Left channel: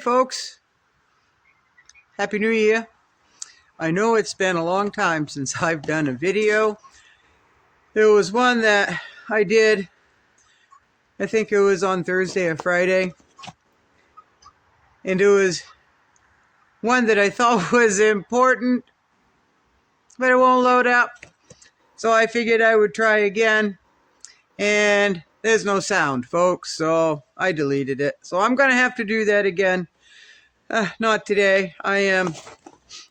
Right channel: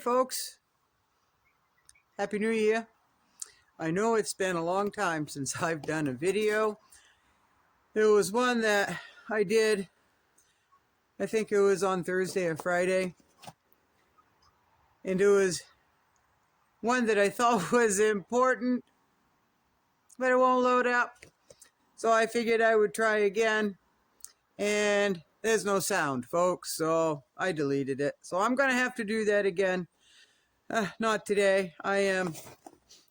folks. Happy New Year. I know it's been a long time since I've done a video. There was one that I did, I think it was on Thursday or Friday, and it was one that I thought was important, but it won't load up. So I figured I would try again, and there's no sound, folks, so I deleted it. So I'm going to have to do that again. Not today. I'm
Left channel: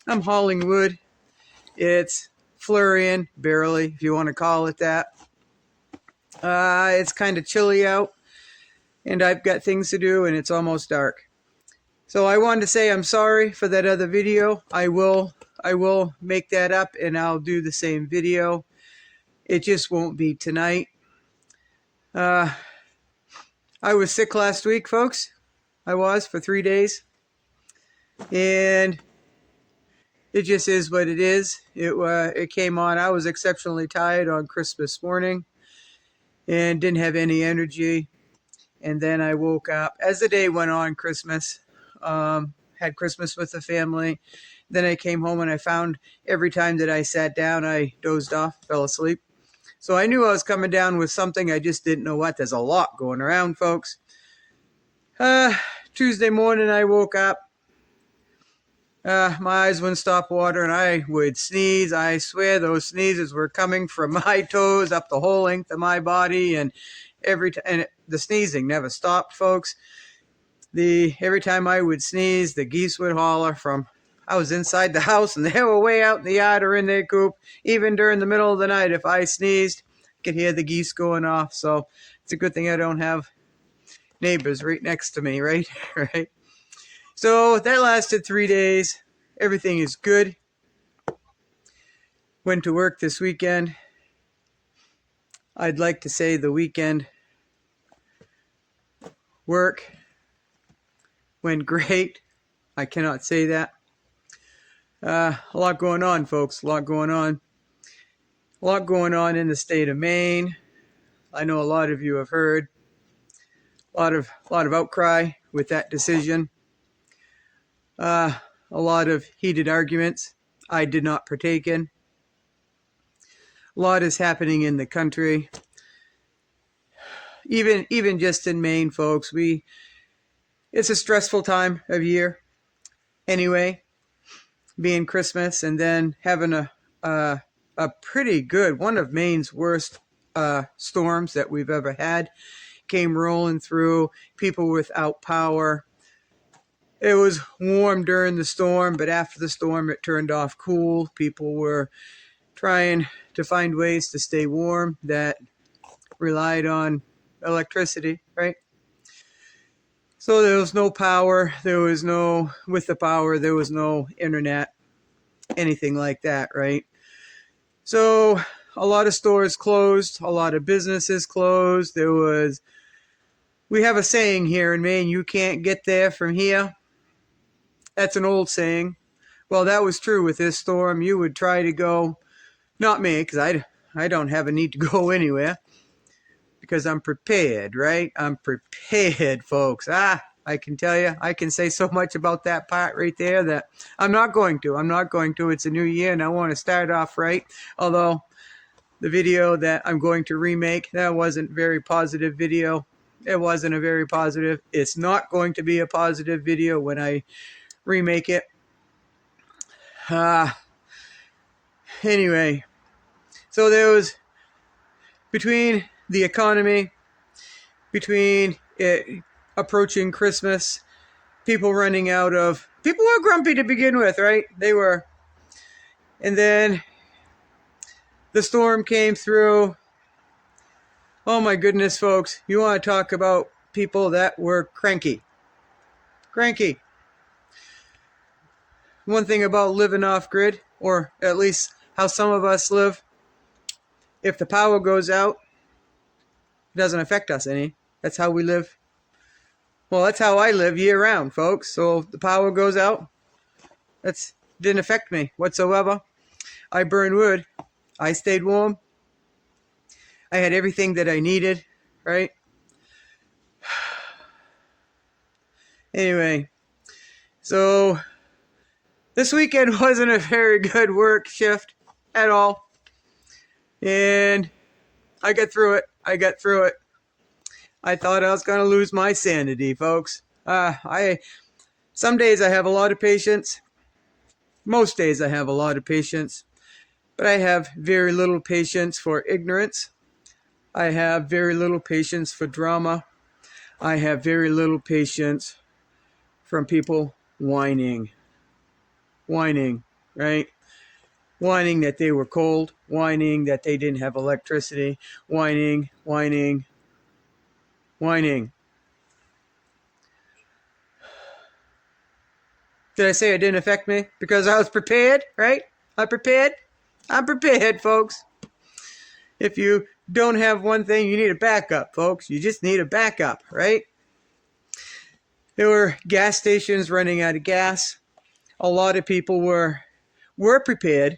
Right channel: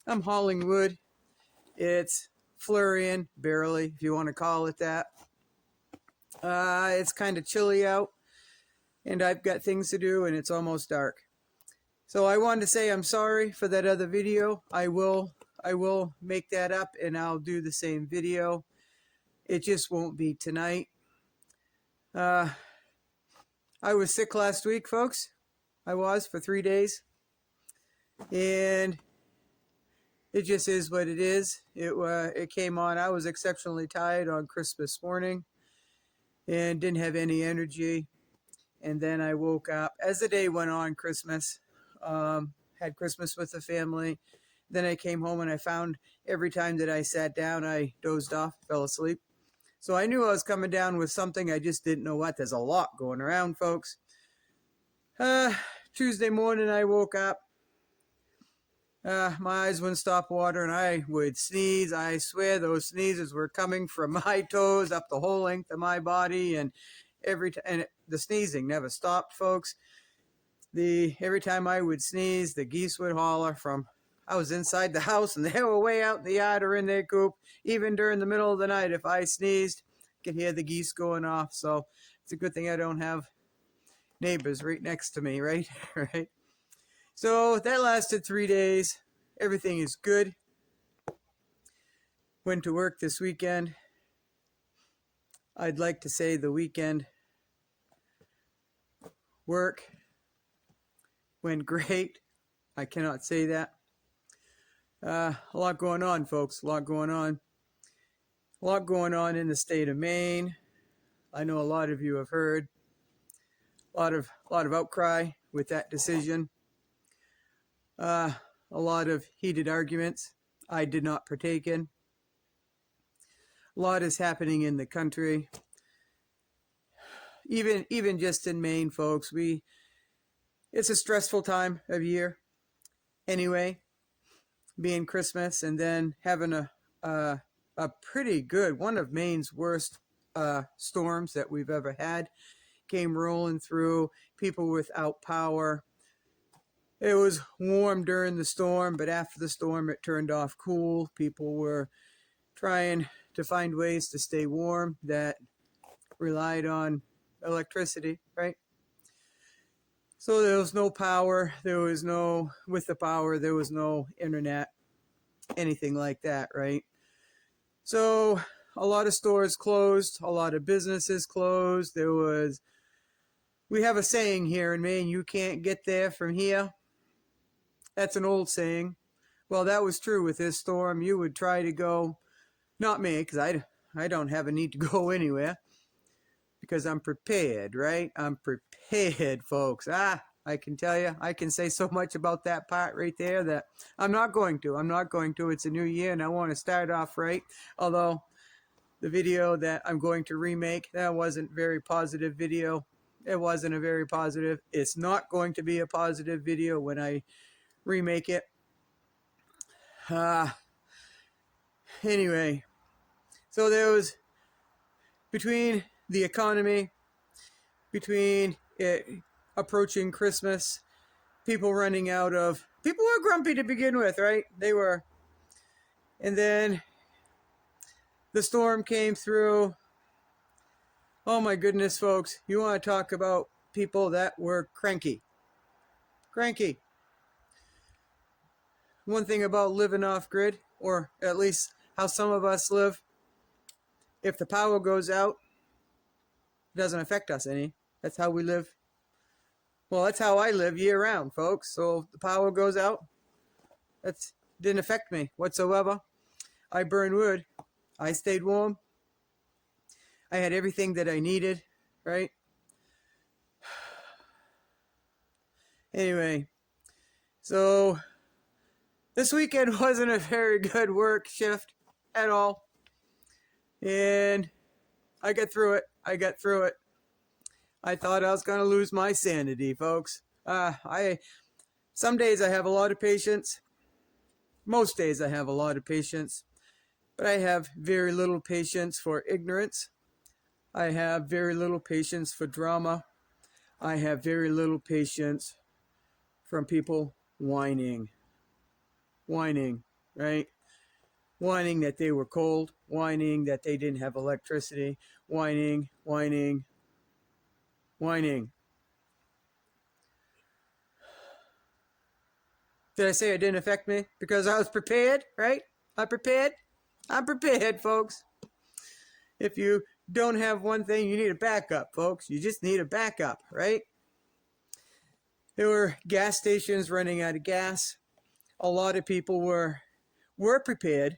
hauling wood. It's flurrying, barely, if you want to call it that. It's kind of chilly out, and I've got things to do, and it's almost dark. So I wanted to say I'm sorry for that other video. I will make that up, and I'll do the same video. It just won't be tonight. I was sick last week, folks. I was for 3 days. And it just is what it is. It came on. I was exceptionally tired on Christmas morning and didn't have any energy. And then I woke up as the day went on. Christmas, had Christmas with the family. Then I came home and I found every time that I sat down, I dozed off, fell asleep. So I knew I was coming down with something. I just didn't know what. There's a lot going around, folks. Tuesday morning I woke up. My eyes wouldn't stop watering. I would sneeze. I swear those sneezes were coming from my toes up the whole length of my body, and the sneezing never stopped, folks. Every time I would sneeze, the geese would holler from. I was inside the house, and they were way out in the yard or in their coop. Even during the middle of the night, if I sneezed, I could hear the geese going off. So it's a good thing I don't have neighbors right next to me, right? Right. So that lasted 3 days. Everything is good. Went to work this weekend. I'd like to say the weekend work went great. I cannot say that. A lot going on, folks. A lot going on. A lot going on in the state of Maine. I know a lot of you have heard. A lot of outcry with that decision. A lot of heated arguments I did not partake in. A lot is happening in the country. Even just in Maine, folks, it's a stressful time of year. Anyway, being Christmas and then having a pretty good, one of Maine's worst storms that we've ever had, came rolling through, people without power. It was warm during the storm, but after the storm, it turned off cool. People were trying to find ways to stay warm that relied on electricity, right? So there was no power. With the power, there was no internet, anything like that, right? So a lot of stores closed, a lot of businesses closed. We have a saying here in Maine, you can't get there from here. That's an old saying. Well, that was true with this storm. You would try to go, not me, because I don't have a need to go anywhere, because I'm prepared, right? I'm prepared, folks. I can tell you, I can say so much about that part right there that I'm not going to. It's a new year, and I want to start off right. Although the video that I'm going to remake, that wasn't a very positive video. It wasn't a very positive. It's not going to be a positive video when I remake it. Anyway, so there was, between the economy, between it approaching Christmas, people were grumpy to begin with, right? They were. And then the storm came through. Oh my goodness, folks. You want to talk about people that were cranky. Cranky. One thing about living off grid, or at least how some of us live, if the power goes out, it doesn't affect us any. That's how we live. Well, that's how I live year round, folks. So if the power goes out, that didn't affect me whatsoever. I burned wood. I stayed warm. I had everything that I needed, right? Anyway, So this weekend wasn't a very good work shift at all. And I got through it. I thought I was going to lose my sanity, folks. Some days I have a lot of patience. Most days I have a lot of patience. But I have very little patience for ignorance. I have very little patience for drama. I have very little patience from people whining. Whining, right? Whining that they were cold. Whining that they didn't have electricity. Whining. Did I say it didn't affect me? Because I was prepared, right? I'm prepared, folks. If you don't have one thing, you need a backup, folks. You just need a backup, right? There were gas stations running out of gas. A lot of people were prepared.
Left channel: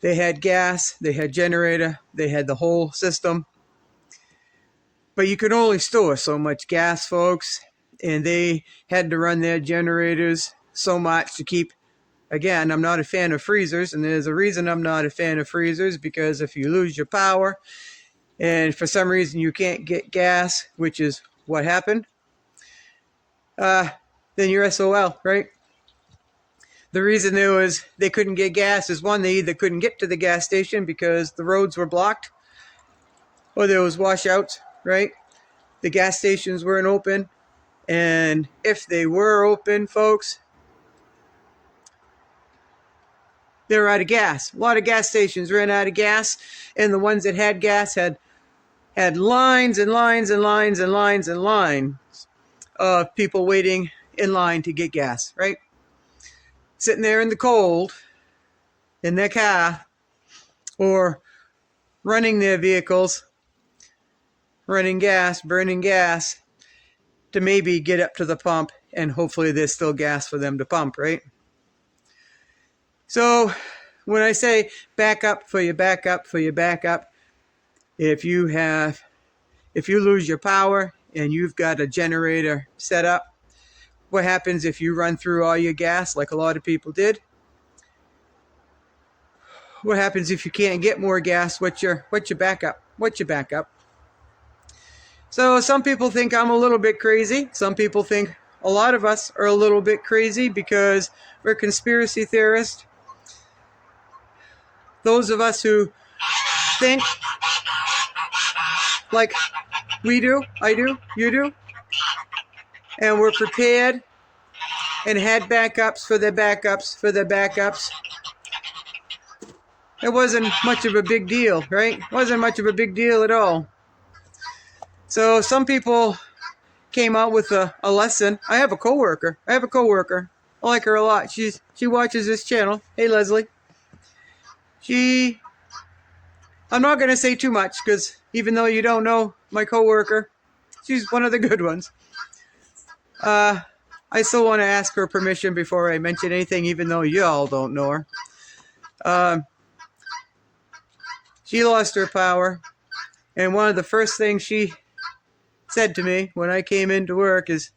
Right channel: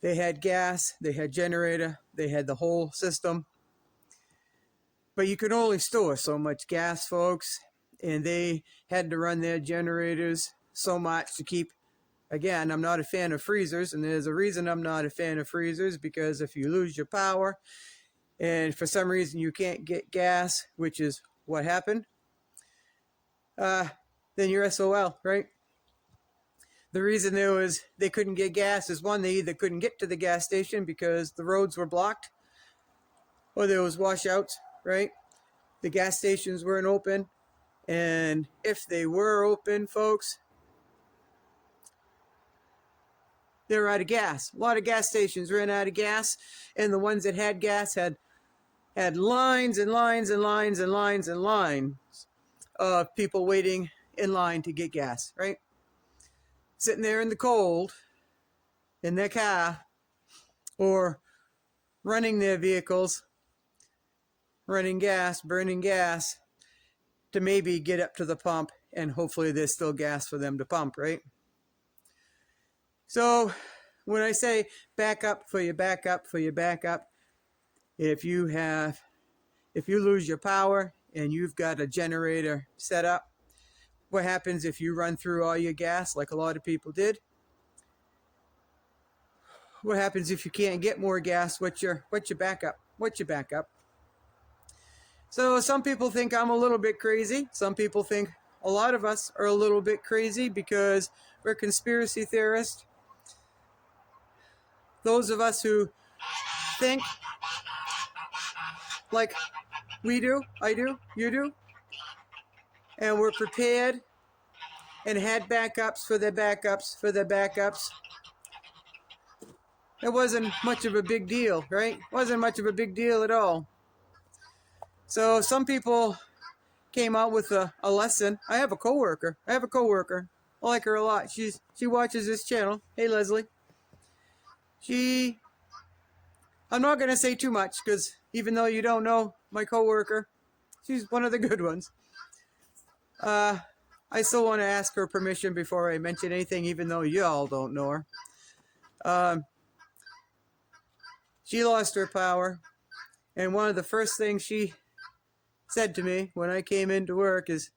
They had gas, they had generator, they had the whole system. But you could only store so much gas, folks. And they had to run their generators so much to keep. Again, I'm not a fan of freezers, and there's a reason I'm not a fan of freezers, because if you lose your power and for some reason you can't get gas, which is what happened, then you're SOL, right? The reason they couldn't get gas is, one, they either couldn't get to the gas station because the roads were blocked, or there was washouts, right? The gas stations weren't open, and if they were open, folks, they were out of gas. A lot of gas stations ran out of gas, and the ones that had gas had lines and lines and lines and lines and lines of people waiting in line to get gas, right? Sitting there in the cold in their car, or running their vehicles, running gas, burning gas to maybe get up to the pump, and hopefully there's still gas for them to pump, right? So when I say backup for your backup, if you lose your power and you've got a generator set up, what happens if you run through all your gas like a lot of people did? What happens if you can't get more gas? What's your backup? So some people think I'm a little bit crazy. Some people think a lot of us are a little bit crazy because we're conspiracy theorists. Those of us who think like we do, I do, you do, and we're prepared and had backups for their backups. It wasn't much of a big deal, right? Wasn't much of a big deal at all. So some people came out with a lesson. I have a coworker. I like her a lot. She watches this channel. Hey, Leslie. I'm not going to say too much, because even though you don't know my coworker, she's one of the good ones. I still want to ask her permission before I mention anything, even though you all don't know her. She lost her power, and one of the first things she said to me when I came into work is,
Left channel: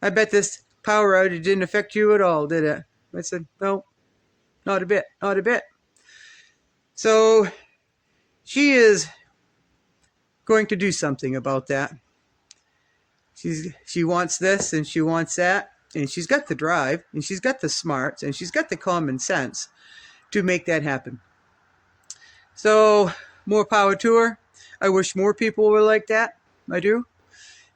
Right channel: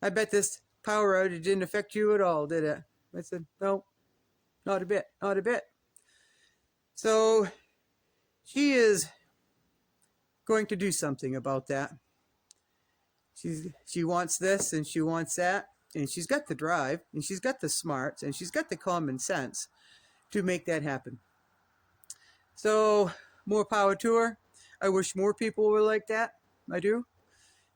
"I bet this power outage didn't affect you at all, did it?" I said, "No, not a bit. So she is going to do something about that. She wants this and she wants that, and she's got the drive, and she's got the smarts, and she's got the common sense to make that happen. So more power to her. I wish more people were like that. I do.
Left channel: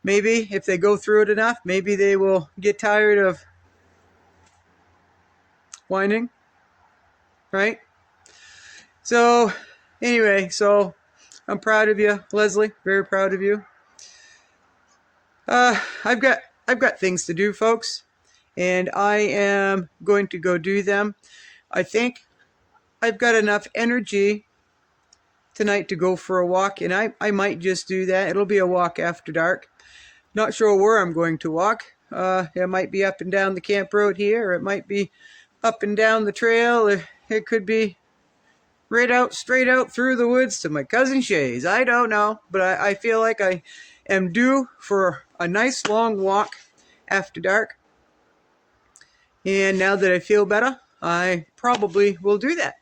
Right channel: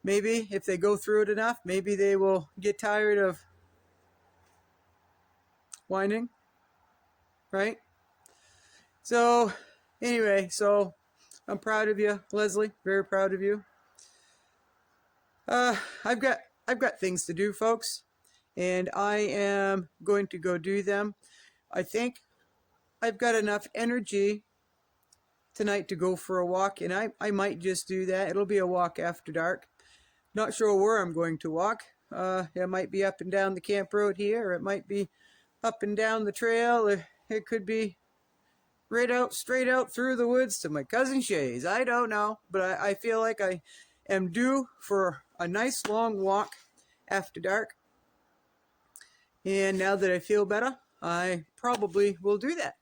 Maybe if they go through it enough, maybe they will get tired of whining, right? So anyway, so I'm proud of you, Leslie. Very proud of you. I've got things to do, folks, and I am going to go do them. I think I've got enough energy tonight to go for a walk, and I might just do that. It'll be a walk after dark. Not sure where I'm going to walk. It might be up and down the camp road here, or it might be up and down the trail, or it could be straight out through the woods to my cousin Shay's. I don't know, but I feel like I am due for a nice long walk after dark. And now that I feel better, I probably will do that.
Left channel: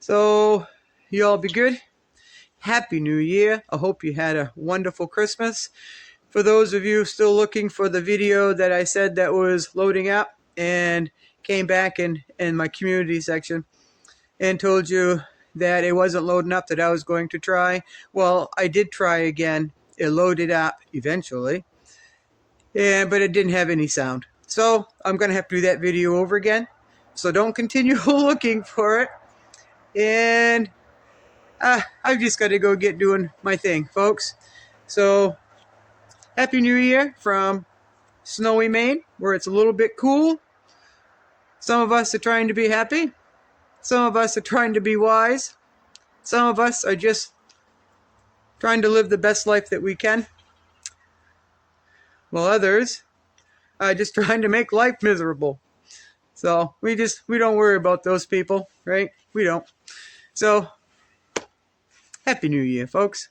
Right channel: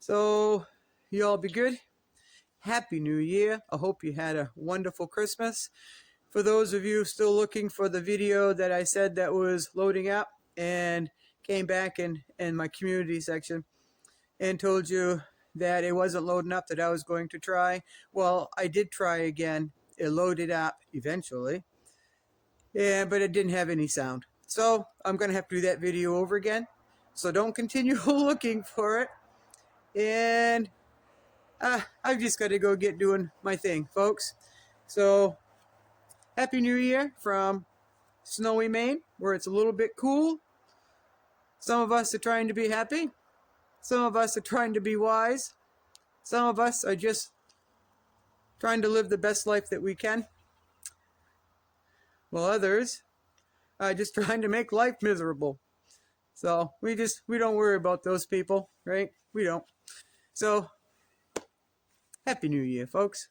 So you all be good. Happy New Year. I hope you had a wonderful Christmas. For those of you still looking for the video that I said that was loading up and came back in my community section and told you that it wasn't loading up, that I was going to try. Well, I did try again. It loaded up eventually, but it didn't have any sound. So I'm going to have to do that video over again. So don't continue looking for it. And I've just got to go get doing my thing, folks. So Happy New Year from snowy Maine, where it's a little bit cool. Some of us are trying to be happy. Some of us are trying to be wise. Some of us are just trying to live the best life that we can, while others are just trying to make life miserable. So we don't worry about those people, right? We don't. So Happy New Year, folks.